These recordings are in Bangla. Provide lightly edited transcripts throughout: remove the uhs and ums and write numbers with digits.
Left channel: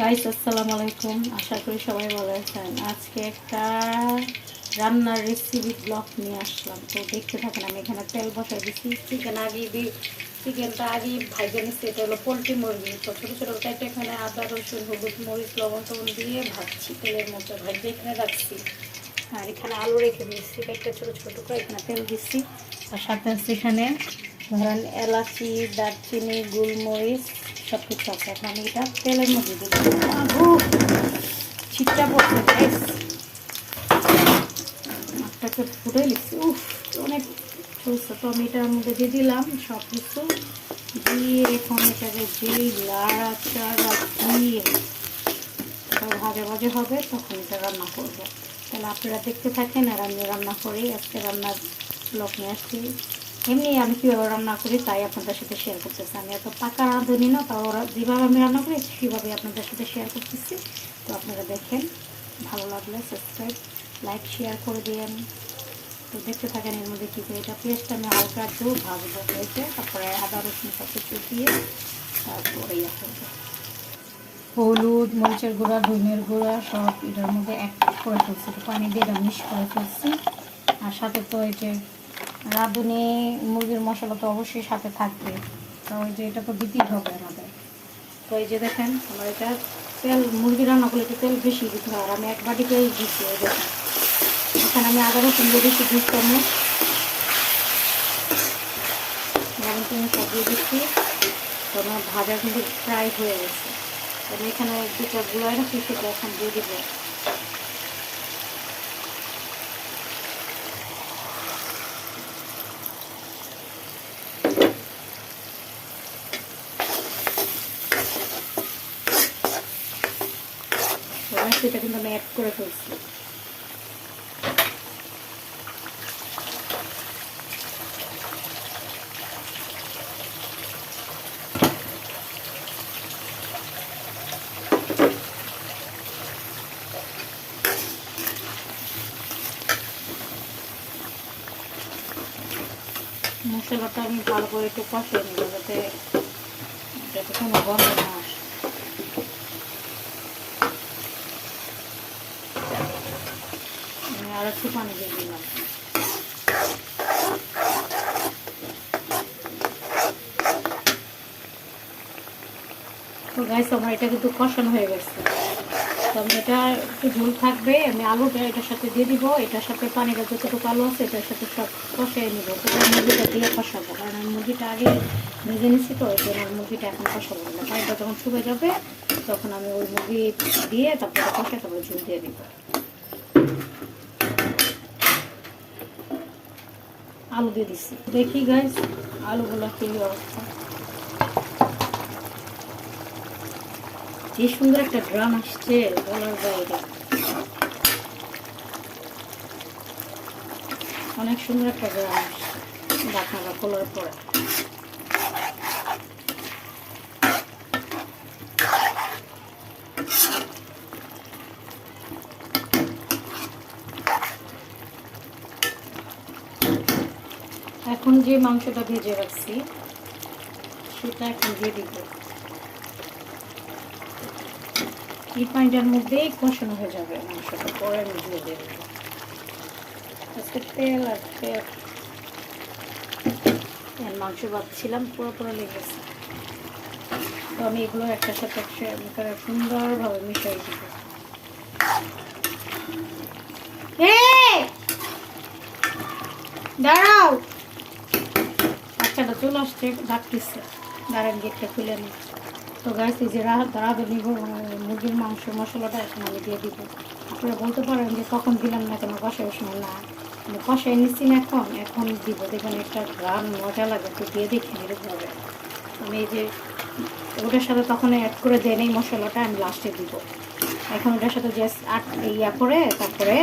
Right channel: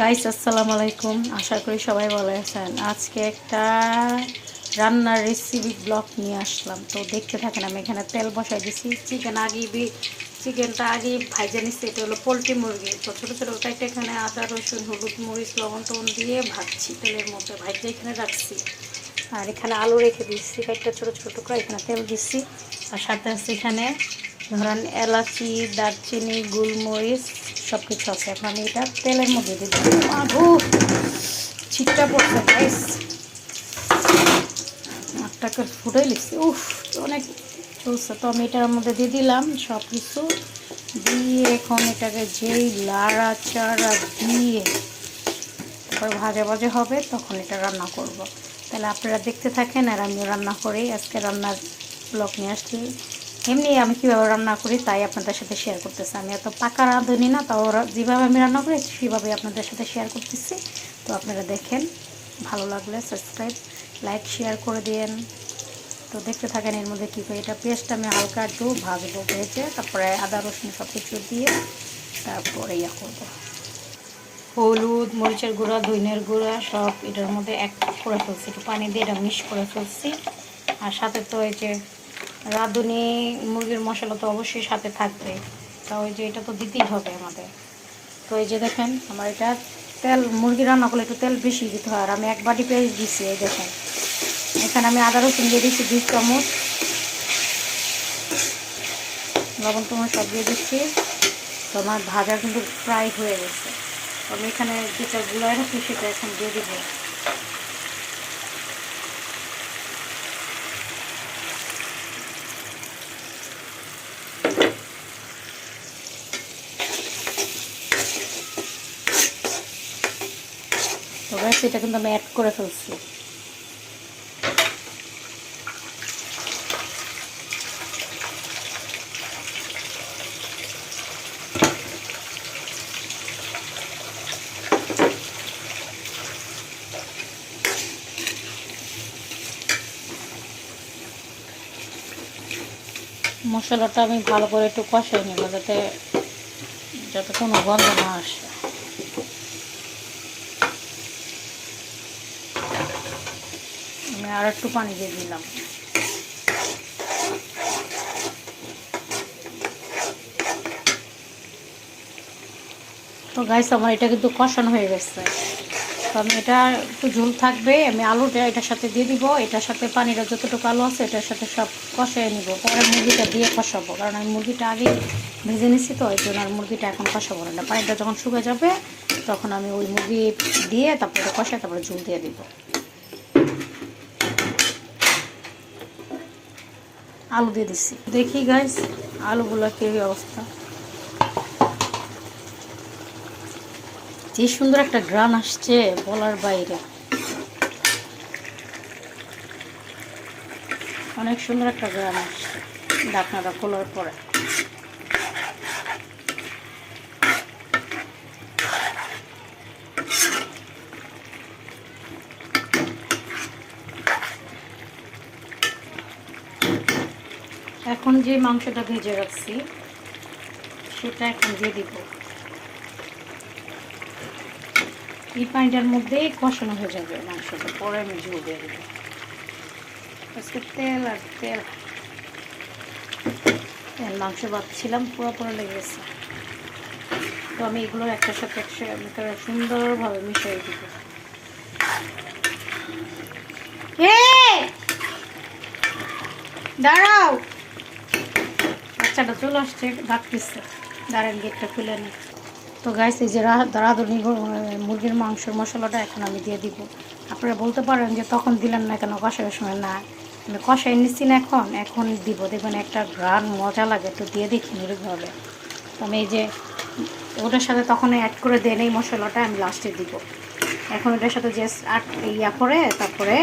গাইস আসসালামু আলাইকুম, আশা করি সবাই ভালো আছেন। আজকে একটা রান্নার রেসিপি ব্লগ নিয়ে আসলাম, তো দেখতে থাকেন। আমি এখানে তেল বসাই দিচ্ছি। চিকেনটা আগে ভাইজে নিচ্ছি। এটা হলো পোলট্রি মুরগি, তো ছোটো ছোটো কাইটে এখানে আদা রসুন হলুদ মরিচ লবণ টবণ দিয়ে ভাজছি তেলের মধ্যে। ভাইজে এখানে রাখছি, আর এখানে আলু রেখে দিচ্ছি কাইটটা ছোটো ছোটো করে। এখানে তেল দিচ্ছি, আর সাথে আছে এখানে ধরেন এলাচি দারচিনি গোলমরিচ সব কিছু আছে। এখন আমি এটা তেলের মধ্যে দিয়ে দিই। আবু ছিটটা পড়ছে গাইস, আপনাকে ফুটাই লিখছি। অনেক চলছে। তো আমি এটার মধ্যে দিয়ে দিলাম সব কিছু দিয়ে। এখন এটাকে যেই লাড়াচাড়া দিয়ে তারপর ভাজা ভাজা হবে, তখন এটা রান্না করব। তাহলে আপনারা দেখতে থাকেন, আর আমি রান্না করি। আজকে রান্নার ব্লগ নিয়ে আসছি। এমনি আমি কীভাবে রান্না করি তাই আপনাদের সাথে শেয়ার করতেছি। আমি এত পাকা রাঁধুনি না, তাও যেভাবে আমি রান্না করি সেভাবে আপনাদের সাথে শেয়ার করতেছি। তো আপনারা দেখেন, ভালো লাগলে সাবস্ক্রাইব লাইক শেয়ার করে দিন। তো দেখতে থাকেন এর মধ্যে কী করি। এটা পেস্টটা আমি হালকা একটু ভাজবো ভেজে, তারপরে আদা রসুন সব কিছু দিয়ে তারপরে ইয়া করবো। হলুদ মরিচের গুঁড়া ধনিয়ার গুঁড়া সব এটার মধ্যে এক করে ফেলছি, একটু পানি দিয়ে এটা মিক্স করে ফেলছি। আর সাথে তো এই যে রাঁধুনি মুরগির মশলা তো অবশ্যই সাথে থাকবে, তো ওই যে এটা তো দিতেই হবে আমাদের। তো এই যে দেখেন আমার এটা তেল, মুরগি রান্না করলে একটু তেল বেশি দিতে হয়, আর আমি এক বাটি পেঁয়াজ দিচ্ছি। এই দেখেন এখানে আমি আদা রসুন দিয়ে দিচ্ছি 2 চামচ, লবণ টবণ সব দিয়ে দিচ্ছি। তো আমার ভাজা কিন্তু ফ্রাই হয়ে গেছে। তো আমি এখানে যেটা গুঁড়ায় রাখছি সেটা এখন দিয়ে দেবো। সেটা কিন্তু আমি অ্যাড করে ফেলছি। মশলাটা আমি ভালো করে একটু কষিয়ে নেব, যাতে কোনো গন্ধ না আসে। আমি আর একটু পানি দিয়ে দিলাম। তো গাইস আমার এটা কিন্তু কষানো হয়ে গেছে। তো আমি এটা একটু ঝোল থাকবে, আমি আলুটা এটার সাথে দিয়ে দিব। এটার সাথে পানিটা যতটুকু আলু আছে এটার সাথে সব কষিয়ে নিব। পরে মুরগিটা দিয়ে কষাবো, কারণ আমি মুরগিটা আগে ভেজে নিচ্ছি, তো ওই জন্য আর মুরগিটা এখন কষাবো না। পানিটা যখন শুকিয়ে যাবে তখন আমি ওই মুরগি দিয়ে তারপরে কষাই, তারপরে ঝোল দিয়ে দিব। আলু দিয়ে দিচ্ছি। দেখি গাইস আলুগুলো কি অবস্থা। যে সুন্দর একটা গ্রান আসছে বলার বাইরে, অনেক সুন্দর একটা গ্রান আসছে ঢাকনাটা খোলার পরে। এখন যে মাংসটা ভেজে রাখছি সেটা এখন দিয়ে দিব। এই পানিটার মধ্যেই কষানো হয়ে যাবে মাংসটা, পরে আমি ঝোল দিয়ে দেবো। আজকে তেল আর তেল মাংস ভাবছিলাম পুরো লেগেছে। তো আমি এগুলো একটার সাথে একটা সুন্দরভাবে মিশিয়ে দিব। দাঁড়াও, বাচ্চাটা চলে আসছে, ডাকতেছে, দাঁড়ান গেটটা খুলে নি। তো গাইস এই যে রাঁধুনি মুরগির মাংসের মশলাটা এখন আমি দিয়ে দিব। আপনারা বলতে পারেন যে তখন দিলেন না কেন, কষার সময় না, কিন্তু কষাই নিচ্ছি না, এখন দিব। দেখবেন একটা ঘ্রাণ মজা লাগে। তো দিয়ে দেখি এরকমভাবে। আমি এই যে ওটার সাথে তখন অ্যাড করে দেন এই মশলাটা আমি লাস্টে দিব। এখন ওটার সাথে যে ইয়া করে তারপরে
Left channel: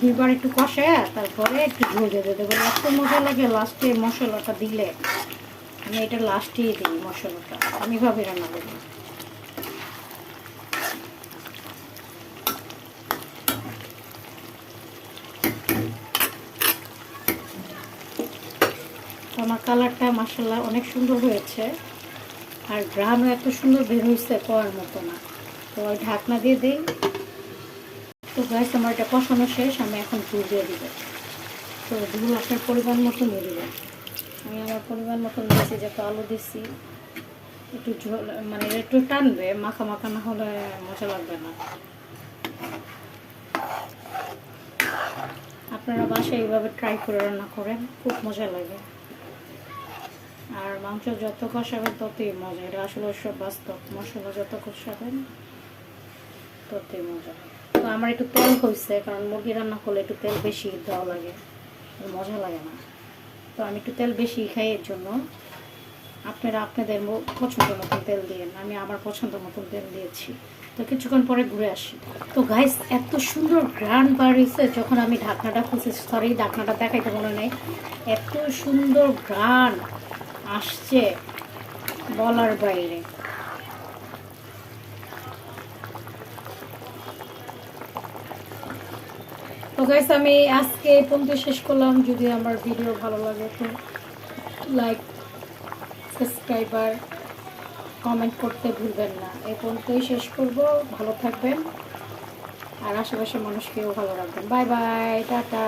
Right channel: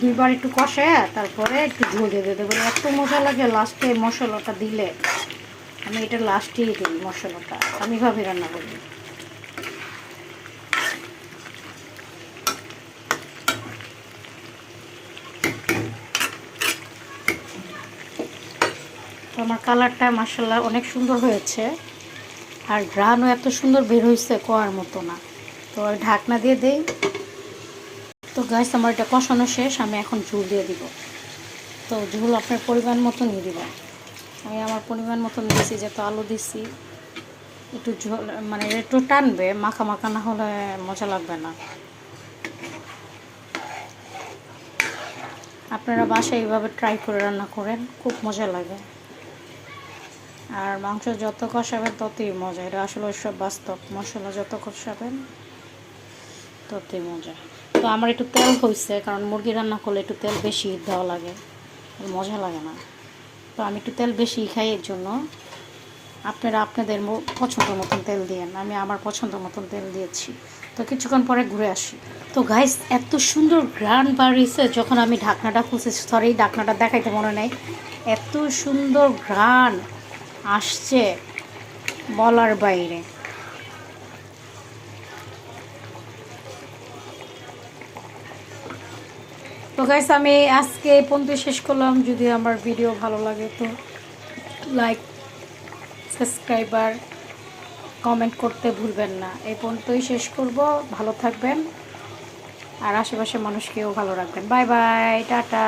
দুইবার একটু কষায় তারপরে একটু ঝোল দিয়ে দেবো। এত মজা লাগে লাস্টে মশলাটা দিলে। আমি এটা লাস্টেই দিই মশলাটা, আমি এভাবে রান্না করি। তো আমার কালারটা মাশাআল্লাহ অনেক সুন্দর হয়েছে। আর ঘ্রাণও এত সুন্দর বের হয়েছে কোয়ার মতো না। তো ঢাকনা দিয়ে দেই। তো গাইস আমার এটা কষানো শেষ, আমি এখন ঝোল দিয়ে দিব। তো ঝোল আপনার পরিমাণ মতো নিয়ে দেবেন। আমি আমার পরিমাণ মতো নিয়েছি, যেহেতু আলু দিচ্ছি একটু ঝোল মানে একটু টানবে, মাখা মাখা না হলে মজা লাগবে না। আপনারা বাসায় এইভাবে ট্রাই করে রান্না করেন, খুব মজা লাগে। আর মাংস যত কষাবেন ততই মজা, এটা আসলে সব বাস্তব। মশলা যত কষাবেন ততই মজা। তো আমার একটু তেল হয়েছে, কারণ মুরগি রান্না করলে একটু তেল বেশি দেওয়া লাগে, মজা লাগে না। তো আমি একটু তেল বেশি খাই, এর জন্য আপনারা আপনাদের পছন্দ মতন তেল দিয়েন। আমি আমার পছন্দ মতন তেল দিয়েছি। তো কিছুক্ষণ পরে ঘুরে আসি। তো গাইস এত সুন্দর ঘ্রাণ বাড়িয়েছে যখন আমি ঢাকনাটা খুঁজেছি, সরি ঢাকনাটা দেখাইতে মনে নেই, এত সুন্দর ঘ্রাণ আসছে বলার বাইরে। তো গাইস আমি আজকে এই পর্যন্ত শেষ করলাম। যদি আমার ভিডিও ভালো লাগে তো লাইক, সাবস্ক্রাইবার, কমেন্ট করতে ভুলবেন না। এই পর্যন্তই শেষ করব। ভালো থাকবেন আর আশেপাশের মানুষকেও ভালো রাখবেন। Bye bye, tata.